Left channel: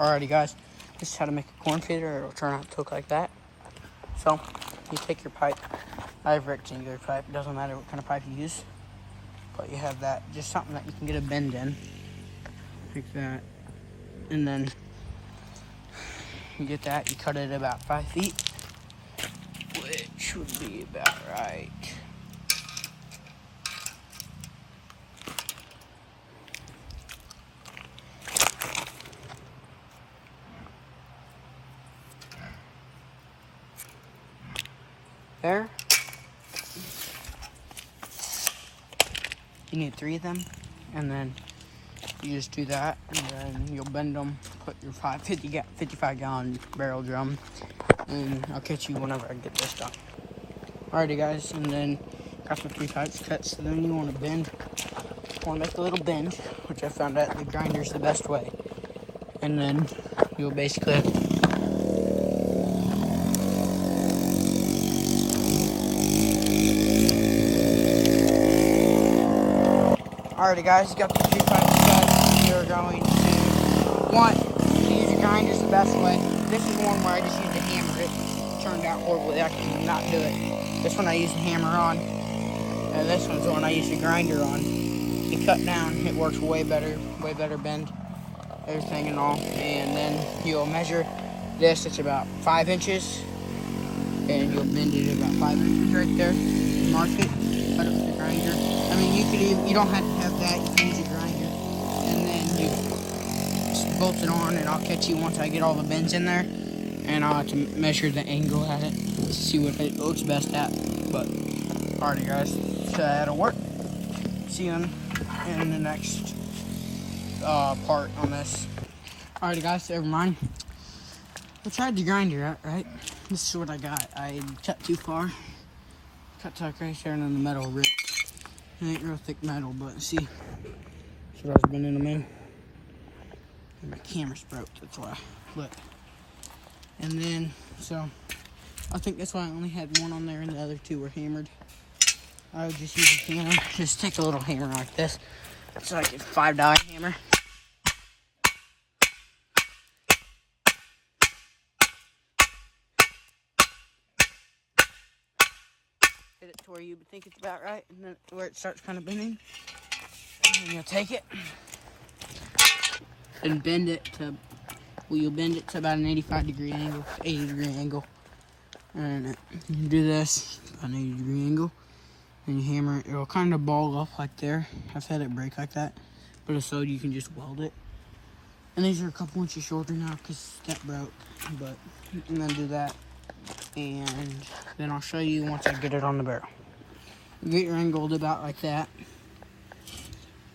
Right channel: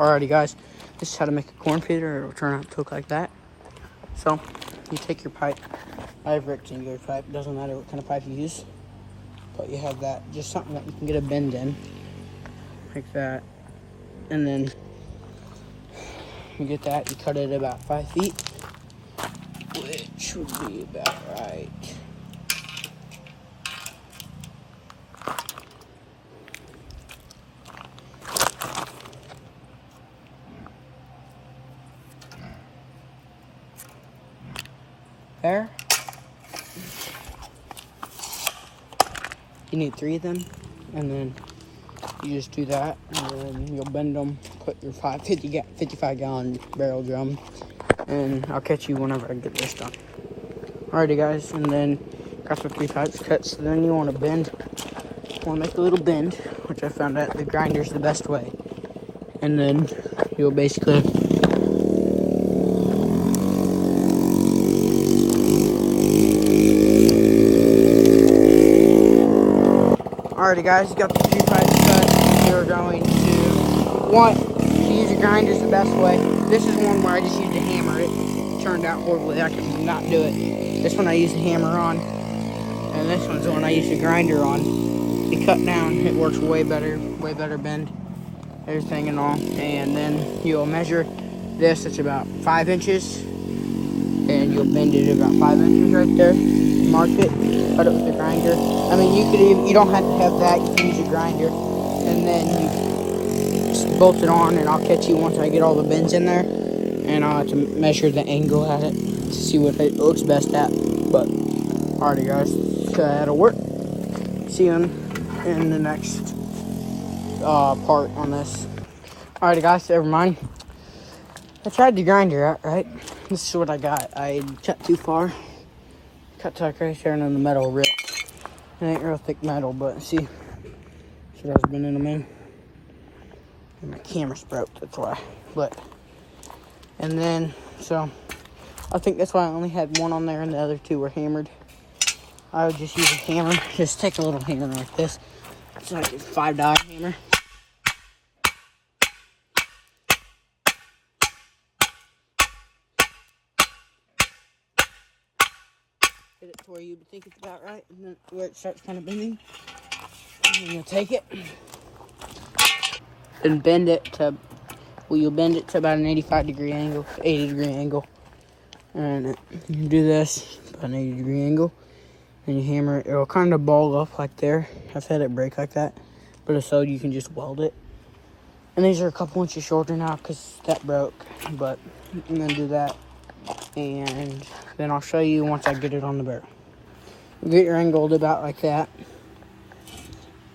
Alrighty guys, this is how to make a corn feeder. It'll turn out to look like that. So, you take your pipe. I have rectangular pipe, doesn't matter what kind of pipe you use. But you have that, just something that you can get a bend in. Like that. And then you get that, you cut it about 5 feet. Which would be about right. There. You need 3 of them, and then you just do that, and then you'll bend them, put your 55 gallon barrel drum, and I'll catch you whenever I get this one. Alrighty guys, and then got the 3 pipes cut, so then you want to bend, we'll make a little bend, which I found out the grinder is the best way. And then you'll basically alrighty guys, got the 2 pipes cut. We're going to use the grinder is the best way. This is one where I just used the hammer. It turned out horribly. I could not do it. This one I use the hammer on, and this one's the one I use the grinder on. You cut down, it works way better bend. Everything in on, and then you'll measure this. It's about 5 inches, and you'll bend it about 5 inches right there. Mark it, cut it with the grinder. I mean, you don't have to have that. You can use a grinder, and then you just bolt it on. And I'll catch you once I get all the bends in there, and I'll have to measure the angle at it to see what it looks best at. But alrighty, guys, so that'll work. See you in the next part on this. Alrighty guys, never mind. I tried the grinder out, right? This is what I got. I cut too far. Cut tuck right there, and then the metal ripped. It ain't real thick metal, but see what I was bending them in. And my camera's broke, that's why. But and then so I think that's why I only had one on there and the other 2 were hammered. I would just use a hammer. Just take a little hammer like this. It's like a $5 hammer. Get it to where you think it's about right, and then where it starts kind of bending. And then you'll take it and bend it to, well, you'll bend it to about an 80 degree angle. And you do this, about an 80 degree angle. And you hammer it, it'll kind of ball up like there. I've had it break like that, but if so, you can just weld it. And these are a couple inches shorter now because that broke, but, and then do that. And then I'll show you once I get it on the barrel. You get your angled about like that.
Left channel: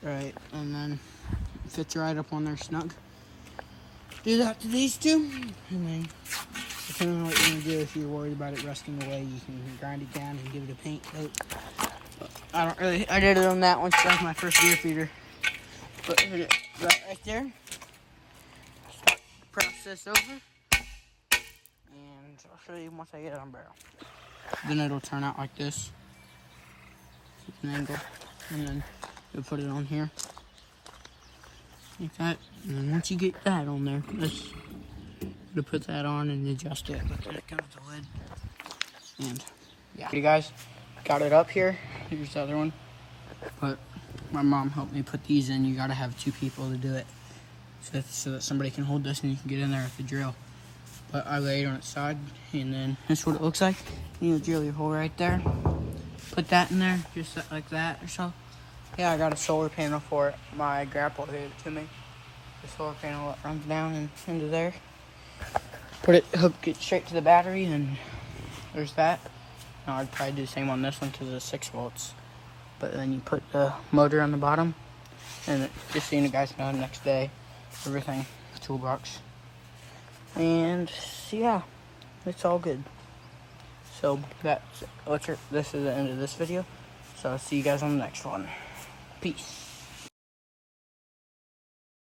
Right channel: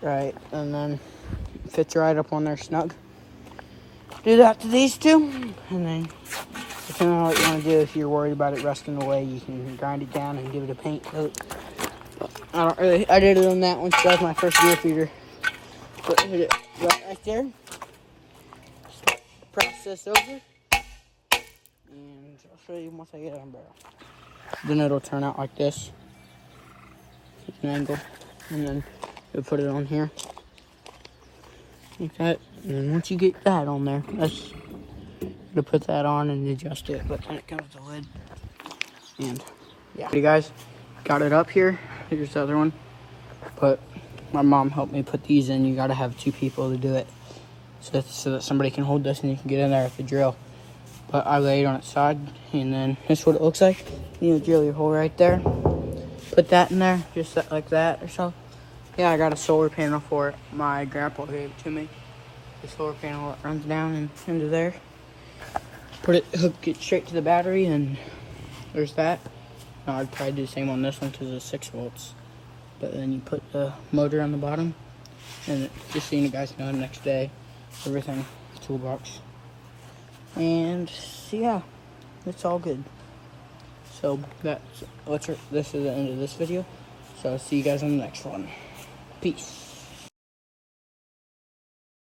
Right, and then it fits right up on there snug. Do that to these 2, and then depending on what you want to do, if you're worried about it rusting away, you can grind it down and give it a paint coat. I did it on that one, so that was my first deer feeder. But hit it right there. Start the process over. And I'll show you once I get it on barrel. Then it'll turn out like this. An angle. And then you'll put it on here. Like that. And then once you get that on there, that's to put that on and adjust it. But then it comes the lid. And yeah. Hey guys, got it up here. Here's the other one. But my mom helped me put these in. You gotta have 2 people to do it. So that somebody can hold this and you can get in there with the drill. But I lay it on its side, and then this is what it looks like. You drill your hole right there. Put that in there, just like that or so. Yeah, I got a solar panel for it. My grandpa gave it to me. The solar panel that runs down into there. Hook it straight to the battery, and there's that. Now I'd probably do the same on this one because it's 6 volts. But then you put the motor on the bottom, and just so you guys know, the next day, everything, toolbox. And yeah, it's all good. So this is the end of this video. So I'll see you guys on the next one. Peace.